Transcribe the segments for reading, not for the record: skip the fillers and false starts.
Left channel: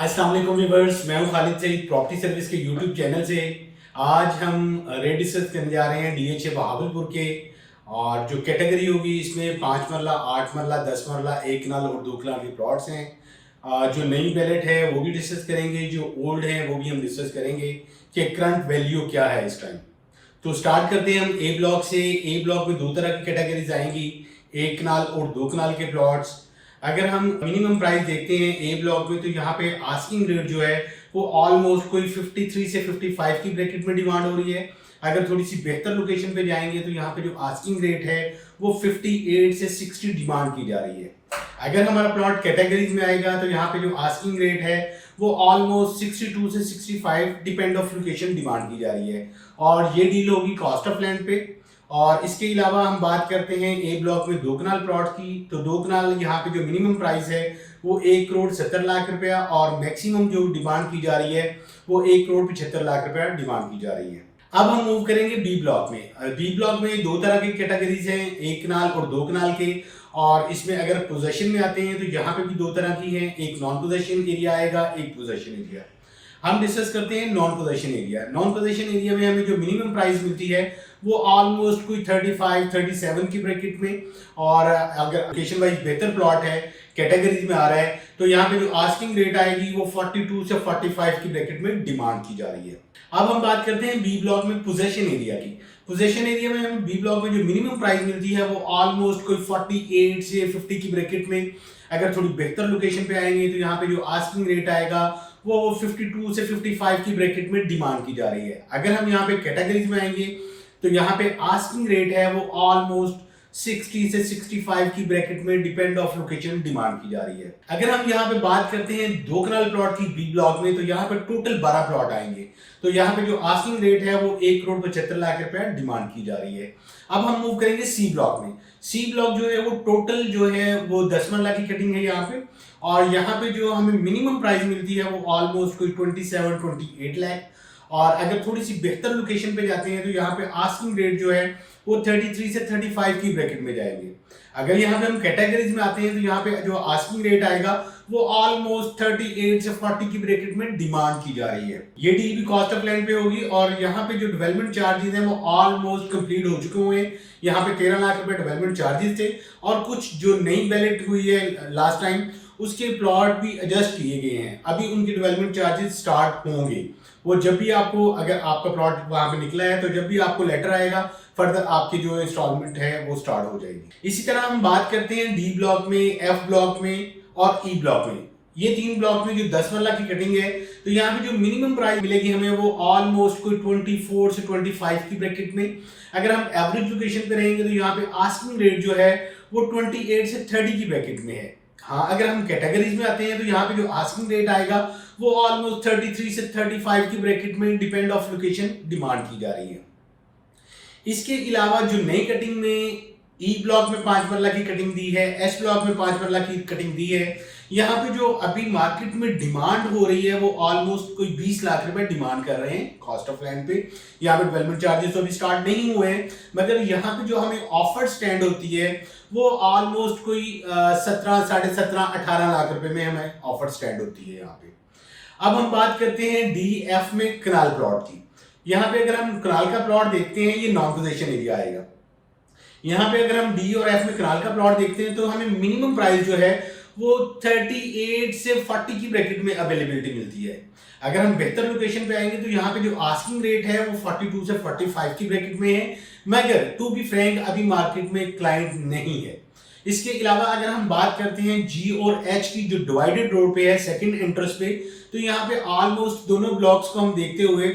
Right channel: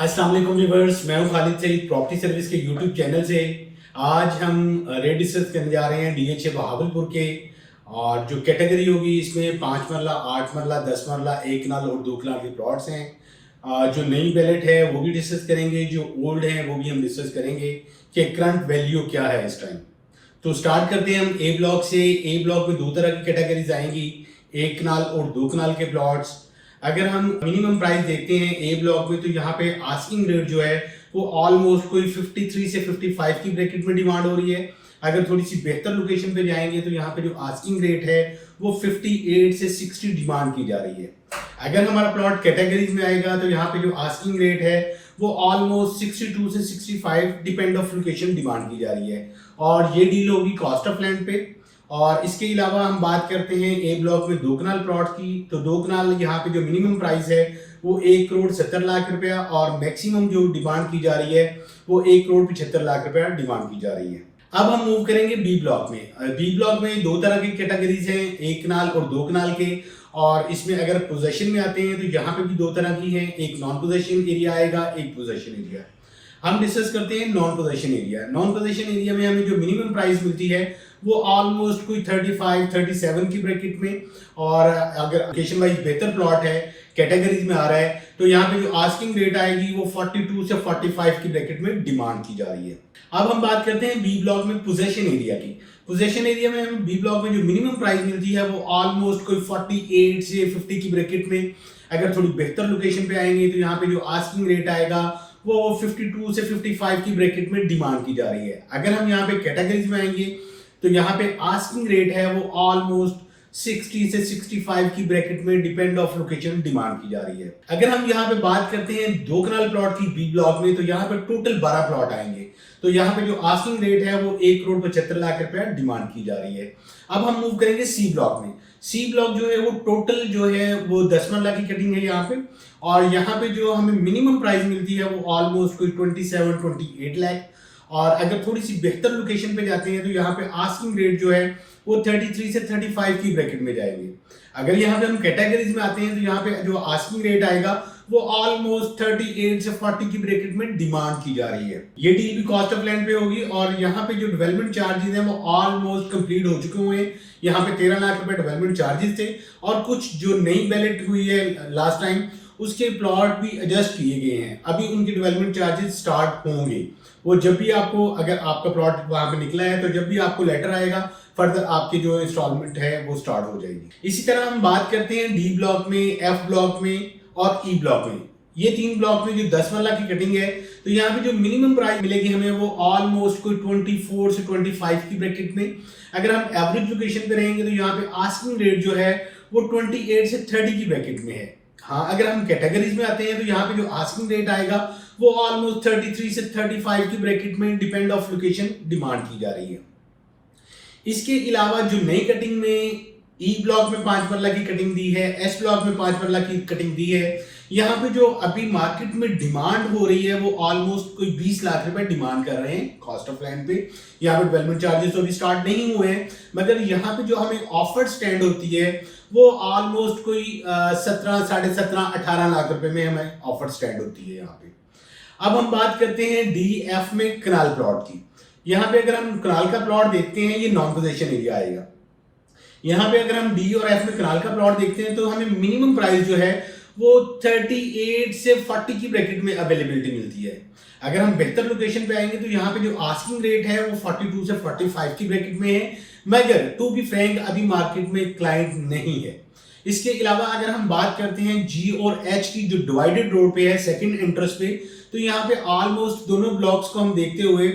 अस्सलाम वालेकुम व्यूअर्स, मैं हूं खालिद सईद प्रॉपर्टी सर्विस के यूट्यूब चैनल से। आज हम रेट डिस्कस करने जा रहे हैं डीएचए बहावलपुर के। और जो कैटेगरी होगी इसमें 5 मरला, 8 मरला, 10 मरला, 1 कनाल और 2 कनाल के प्लॉट्स हैं। जो नई बैलेट है वो भी डिस्कस करेंगे, जो ओल्ड है वो भी हम डिस्कस करेंगे कि करंट वैल्यू क्या है इस टाइम। तो स्टार्ट करते हैं हम ए ब्लॉक से। ए ब्लॉक में 2 तरह की कैटेगरीज आएंगी, 1 कनाल और 2 कनाल के प्लॉट्स। अगर हम मिनिमम प्राइस देखते हैं ए ब्लॉक में, तो यहाँ पे आस्किंग रेट जो है वो ऑलमोस्ट कोई 53 से 55 की ब्रैकेट में डिमांड हो रही है। अगर थोड़ी सी बेहतर लोकेशन पे जाएंगे तो यहाँ पे जो आस्किंग रेट है वो 58 से 60 डिमांड की जा रही है। अगर हमारा प्लॉट कैटेगरीज में आएगा तो यहाँ पे जो आस्किंग रेट है वो ऑलमोस्ट 62 से 65 डिपेंड ऑफ लोकेशन डिमांड की जा रही है। और ये डील होगी कॉस्ट ऑफ लैंड पे। और इसके अलावा हम बात करते हैं ए ब्लॉक में 2 कनाल प्लॉट की। तो 2 कनाल यहाँ पे जो मिनिमम प्राइस है वो 1,70,00,000 और मैक्सिमम जो डिमांड की जा रही है वो 1,75,00,000 डिमांड की जा रही है। अब हम मूव करेंगे बी ब्लॉक में। बी ब्लॉक में 2 तरह की कैटेगरीज हैं, 1 कनाल और 2 कनाल के। और इसमें अगर पोजेशन में आते हैं तो यहाँ पे भी 2 तरह की है, एक नॉन पोजेशन एरिया आएगा, एक पोजेशन एरिया। हम डिस्कस करते हैं non possession area. Non possession area में हमें जो मिनिमम प्राइस मिलती है वो ऑलमोस्ट कोई 35-37 की ब्रैकेट में। और अगर लोकेशन वाइज बेहतर प्लॉट है, कैटेगरीज में आ रहा है, तो यहाँ पे जो आस्किंग रेट आएगी वो 42 से 45 की ब्रैकेट में डिमांड की जा रही है। अब हम बात करते हैं बी ब्लॉक में पोजेशन एरिया की। पोजेशन एरिया में हमें बी ब्लॉक में जो मिनिमम प्राइस मिलती है वो ऑलमोस्ट कोई 48 से 50 की ब्रैकेट में। अगर थोड़ी बेहतर लोकेशन पे आएंगे तो यहाँ पे जो आस्किंग रेट आएगा वो 52 से 55 की ब्रैकेट में डिमांड की जा रही है। अगर हम यहाँ पे कैटेगरीज में आएंगे तो यहाँ पे आस्किंग रेट है वो ऑलमोस्ट 60 से 65 की ब्रैकेट में डिपेंड ऑफ लोकेशन डिमांड की जा रही है। अगर हम यहाँ पे बात करते हैं 2 कनाल प्लॉट की बी ब्लॉक में, तो यहाँ पे टोटल 12 प्लॉट आएंगे। तो यहाँ पे जो आस्किंग रेट है वो 1,75,00,000 डिमांड की जा रही है। अब हम मूव करेंगे सी ब्लॉक में। सी ब्लॉक जो है वो टोटल जो है वो 10 मरला की कटिंग है यहाँ पे। और यहाँ पे जो हमें मिनिमम प्राइस मिलती है वो ऑलमोस्ट कोई 27-28 लाख। और अगर थोड़ी सी बेहतर लोकेशन पे जाते हैं तो यहाँ पे आस्किंग रेट जो है वो 33 से 35 की ब्रैकेट में जाएंगे। अगर यहाँ पे हम कैटेगरीज में आते हैं तो यहाँ पे जो आस्किंग रेट आएगा वो ऑलमोस्ट 38 से 40 की ब्रैकेट में डिमांड की जा रही है। ये डील भी कॉस्ट ऑफ लैंड पे होगी। और यहाँ पे जो डेवलपमेंट चार्जेस हैं वो ऑलमोस्ट कंप्लीट हो चुके हुए हैं। यहाँ पे 13 लाख रुपए डेवलपमेंट चार्जेस थे। और कुछ जो नई बैलेट हुई है लास्ट टाइम उसके प्लॉट भी एडजस्ट किए गए हैं। अभी उनके डेवलपमेंट चार्जेस स्टार्ट होंगे। वो जब भी आपको, अगर आपका प्लॉट वहां पे निकला है तो जब भी आपको लेटर आएगा फर्दर आपकी जो इंस्टॉलमेंट है वो स्टार्ट हो जाएगी। इसी तरह हम बात करते हैं डी ब्लॉक में, एफ ब्लॉक में और ई ब्लॉक में। ये 3 ब्लॉक में जो 10 मरला की कटिंग है तो यहाँ पे जो मिनिमम प्राइस मिलेगी हमें वो ऑलमोस्ट कोई 24 से 25 की ब्रैकेट में। अगर हम एवरेज लोकेशन पे रहेंगे तो यहाँ पे आस्किंग रेट जो है वो 28 से 30 की ब्रैकेट में है। हाँ, अगर हम कैटेगरीज में आते हैं तो यहाँ पे जो आस्किंग रेट आएगा वो ऑलमोस्ट 33 से 35 की ब्रैकेट में डिपेंड ऑफ लोकेशन डिमांड की जा रही है। इसके अलावा जो नई कटिंग में ई ब्लॉक में 5 मरला की कटिंग दी है, एस ब्लॉक में 5 मरला की कटिंग दी है। यहाँ पे जो अभी मार्केट में डिमांड हो रही है वो ऑलमोस्ट कोई 20 लाख रुपए डिमांड कर रहे हैं कॉस्ट ऑफ लैंड पे। यहाँ पे डेवलपमेंट चार्जेस तो अभी स्टार्ट नहीं हुए हैं, मगर यहाँ पे जो हमें ऑफर स्टैंड होती है वो ऑलमोस्ट कोई 17, 17.5, 18 लाख रुपए में हमें ऑफर स्टैंड होती है यहाँ पे। अब हम बात करते हैं डी एफ में कनाल प्लॉट की। यहाँ पे अगर हम कनाल का प्लॉट देखते हैं ये नॉन पोजेशन एरिया आएगा। यहाँ पे अगर हम डी और एफ में कनाल का प्लॉट देखते हैं तो हमें मिनिमम प्राइस जो है वो 38 से 40 की ब्रैकेट में अवेलेबिलिटी मिलती है। अगर हम बेहतर लोकेशन पे आएंगे तो यहाँ पे जो आस्किंग रेट है वो 42 से 45 की ब्रैकेट में है, मगर टू बी फ्रैंक अभी मार्केट में क्लाइंट नहीं है। इसके अलावा अगर हम बात करते हैं जी और एच की, जो डिवाइडेड रोड पे है सेकंड एंट्रेंस पे, तो यहाँ पे ऑलमोस्ट दोनों ब्लॉक्स को हम देखते हुए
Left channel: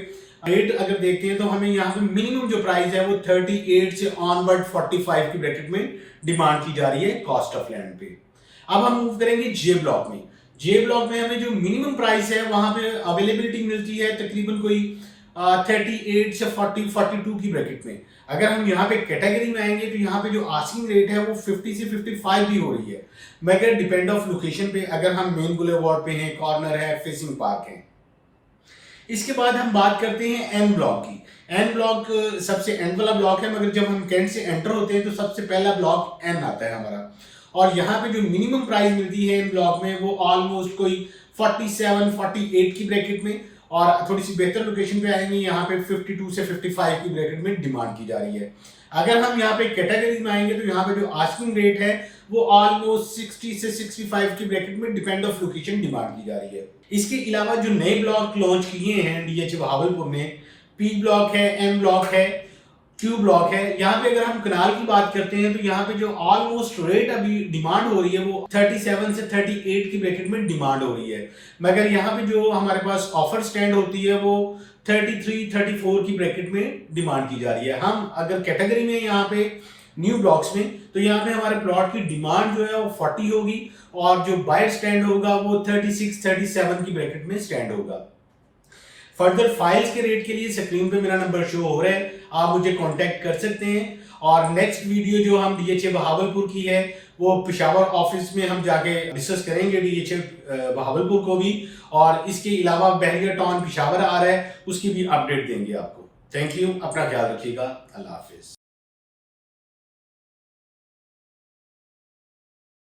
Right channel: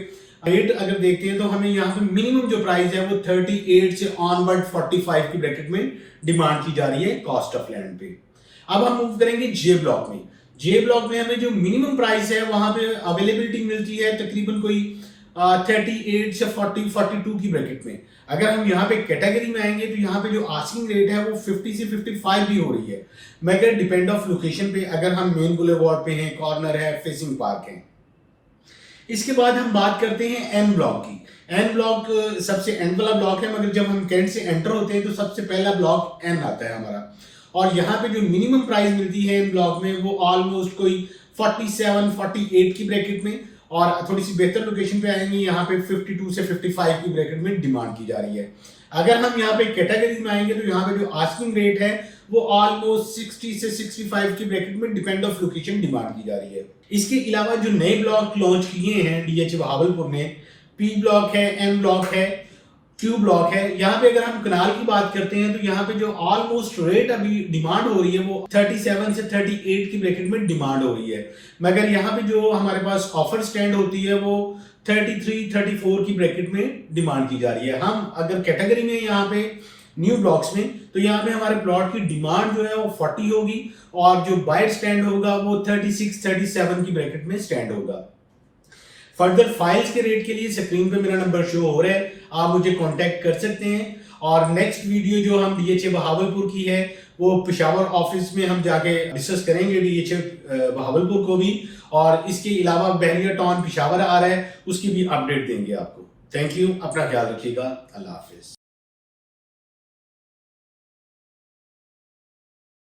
रेट अगर देखते हैं तो हमें यहाँ पे मिनिमम जो प्राइस है वो 38 से ऑनवर्ड 45 की ब्रैकेट में डिमांड की जा रही है कॉस्ट ऑफ लैंड पे। अब हम मूव करेंगे जे ब्लॉक में। जे ब्लॉक में हमें जो मिनिमम प्राइस है वहां पे अवेलेबिलिटी मिलती है तकरीबन कोई 38 से 42 की ब्रैकेट में। अगर हम यहाँ पे कैटेगरी में आएंगे तो यहाँ पे जो आस्किंग रेट है वो 50 से 55 भी हो रही है, मगर डिपेंड ऑफ लोकेशन पे। अगर हम मेन बुलेवार्ड पे हैं, कॉर्नर है, फेसिंग पार्क है। इसके बाद हम बात करते हैं एन ब्लॉक की। एन ब्लॉक सबसे एंड वाला ब्लॉक है, मगर जब हम कैंट से एंटर होते हैं तो सबसे पहला ब्लॉक एन आता है हमारा। और यहाँ पे जो मिनिमम प्राइस मिलती है इन ब्लॉक में वो ऑलमोस्ट कोई 47 48 की ब्रैकेट में, और थोड़ी सी बेहतर लोकेशन पे आएंगे यहाँ पे 52 से 55 की ब्रैकेट में डिमांड की जा रही है। अगर हम यहाँ पे कैटेगरी में आएंगे तो यहाँ पे जो आस्किंग रेट है वो ऑलमोस्ट 60 से 65 की ब्रैकेट में डिपेंड ऑफ लोकेशन डिमांड की जा रही है। इसके अलावा जो नए ब्लॉक लॉन्च किए हैं डीएच बहावलपुर ने, पी ब्लॉक है, एम ब्लॉक है, क्यू ब्लॉक है। यहाँ पे अगर हम कनाल की बात करते हैं तो यहाँ पे जो ऑलमोस्ट रेट अभी डिमांड हो रही है वो 37 से 38 की ब्रैकेट में डिमांड हो रही है, मगर यहाँ पे जो हमारे पास ऑफर स्टैंड होती है वो 33 34 की ब्रैकेट में डिमांड की जा रही है। हम अगर कैटेगरी में यहाँ पे न्यू ब्लॉक्स में, तो यहाँ पे हमारे प्लॉट की डिमांड जो है वो 40 होगी और जो बायर स्टैंड होगा वो 36 37 की ब्रैकेट में स्टैंड होगा। फर्दर फाइल्स के रेट के लिए स्क्रीन पे मेरा नंबर शो हो रहा है, आप मुझे कांटेक्ट कर सकते हैं। और नेक्स्ट वीडियो जो हम डीएचए बहावलपुर की है वो पेशावर ऑफिस में हम जाके डिस्कस करेंगे डीएचए बहावलपुर को भी, और इसके अलावा बहरिया टाउन पेशावर आ रहा है उसकी भी अपडेट देंगे आपको। थैंक यू, अपना ख्याल रखिएगा, अल्लाह हाफिज।